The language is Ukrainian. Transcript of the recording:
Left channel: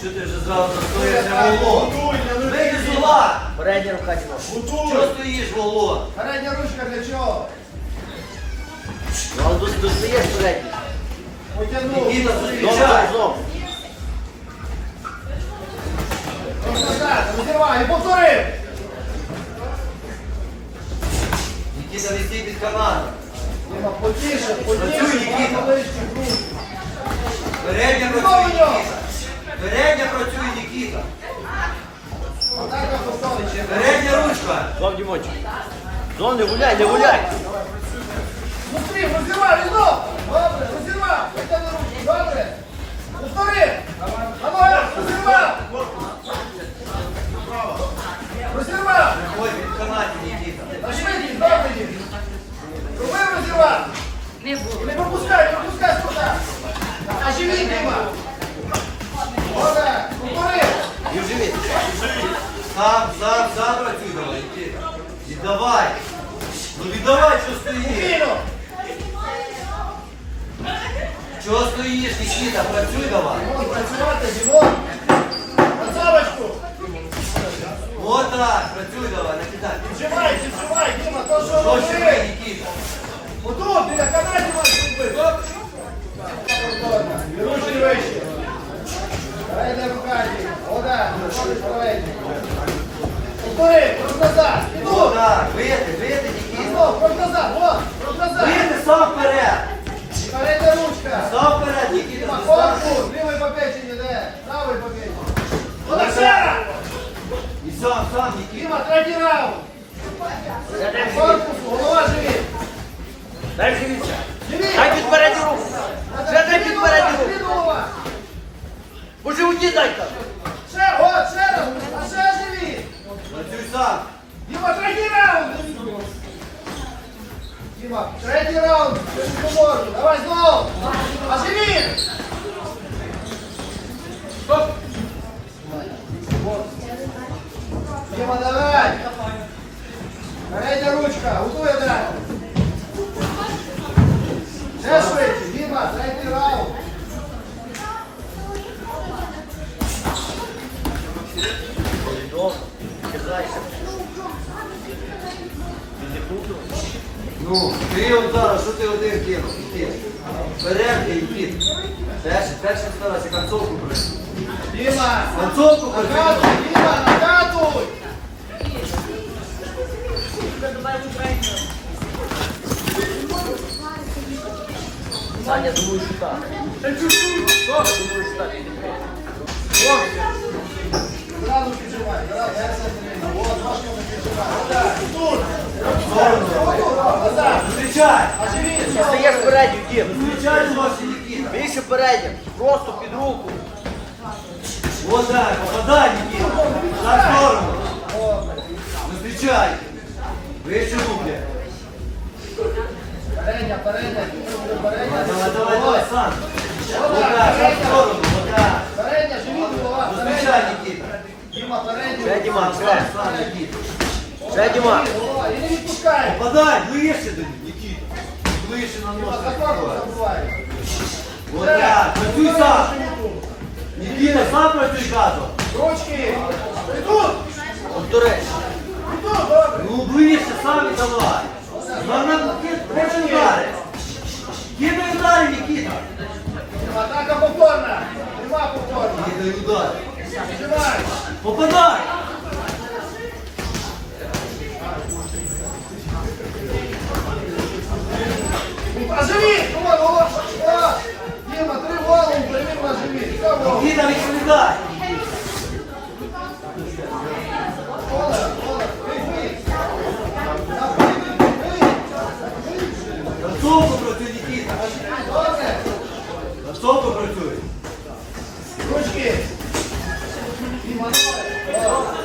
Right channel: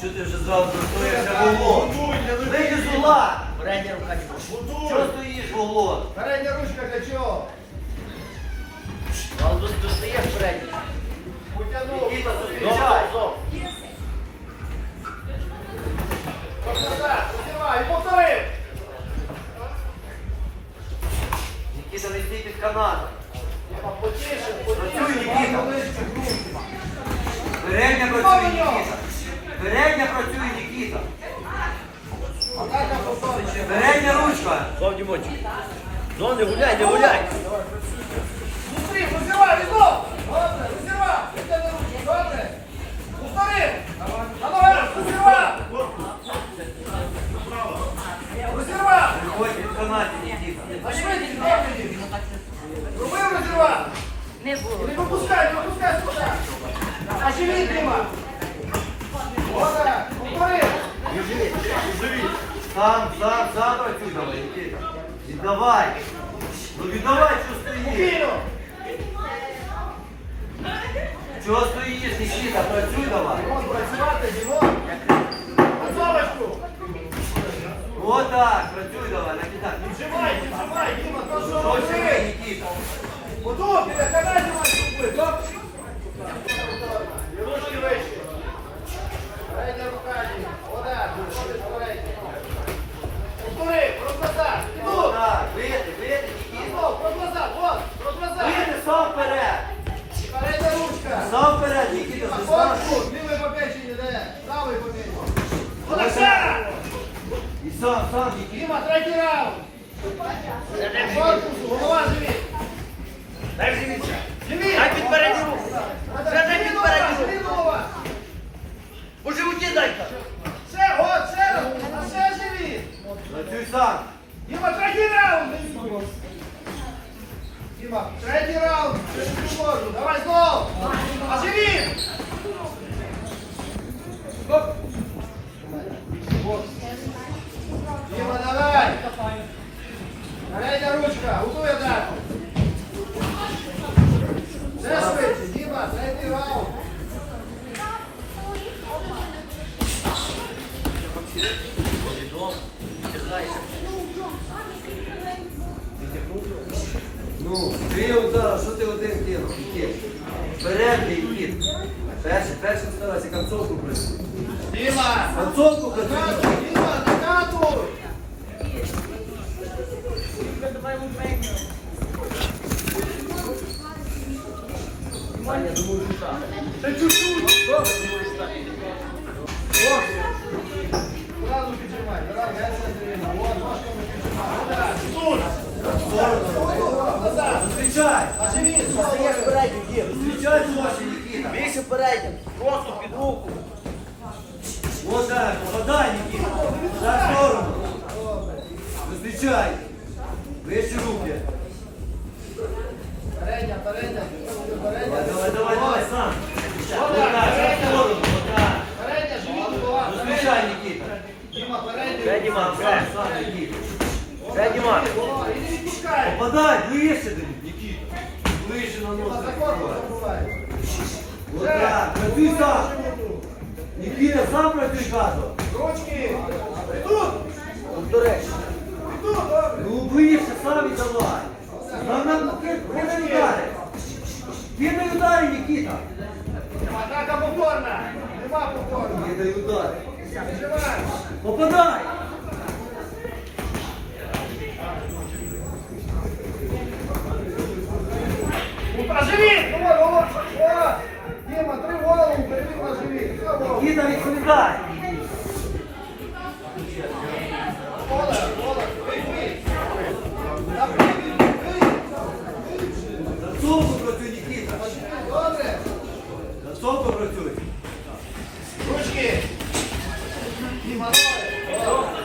Що ти вже зразу стоїшся волон? Вийди з ула! Передня рука чого? Чого стоїш волон? Передня ручка для чого? Ну, тут достаєш передню. Потягнув. Нікіта, зустрічай! Розірвай, повтори. Нікіта, не стій під канатом. Діма, потіше, Працюй, потіше, Нікіта. багато. Передня працює Нікіта. Передня працює Нікіта. Ще. Передня ручка. Зов, Дімончик. Зов, не гуляй, не гуляй. Зустрів, розірвай, знов. Добре, розірвай. Потягни ручку, добре. Повтори. Ногах, розірвай. Розірвай. Приходь під канаті, Нікіта. На швидкість, добре їдь. Роби розірвай. Не пропускай, не пропускай сюди. А живіт, Діма. Добре, повтори. І в живіт. Сам, сам, сам працюй давай, Нікіта. Віддавай. Ну віддавай, що стоїш. Чого стоїш, Нікіта? Працюй давай. Працювати, Дімон. Працювачку. Отак, працюй давай, не кидай. Віджимай, віджимай, Діма, то що Що ще робити? Нікіта? Отут, біля канаті маєш робити. І ручки вище. Перейде рука, Діма. Ода, виходиш передній. Повтори, крок назад. І тут. Отак, вийди, вийди, Нікіта. Вот, крок назад. Вийди сам вперед. І перейде ручка. Сам вперед, Нікіта, корпус, страшно. лівий побечення, де? Правий побечення. Олександр! І сам, сам, Нікіта. Діма, третій раунд. Корпус, голова живіт. Дай живіт. Живіт. Дай під передню руку. Ще дай під передню руку. голова. По животі дай-ка. Ще, от, ще раз, ще живіт. Діма, третій раунд. Діма, третій раунд. Давай знову! А Ну, три удара, що ти один кинув? Нікіта? Передня і кіт. Перший, перший старайся концовку прийти. Діма. Концовку прийти. Діма, накатуй. Саня, другий шута. Зразу передню, Нікіта. Більше передню. Просто під руку. Вот так, попадай, Нікіта. За сторону. Зустрічай. Вище руки. Передня, передня, передня. Давай, давай, давай, сам. Вот так, сторону, вот так. Передня, живіт, голова. Зустрічай, Нікіта. Діма, передня. Ще, Діма, ще. Ще, Діма. Голова, і не відпускай. Попадай, ближче до них, За. Вот так, працюй сам. Нікіта, сам працюй газом. Ручки. І тут. Повтори. І тут, добре. Ну ближче, сам і давай. Нам більше удари. Кидай удари, Нікіта. Атака повторна. Нема повторна. Кидай удари. Попадай. Працюй. Ручки. Діма, давай. Олег.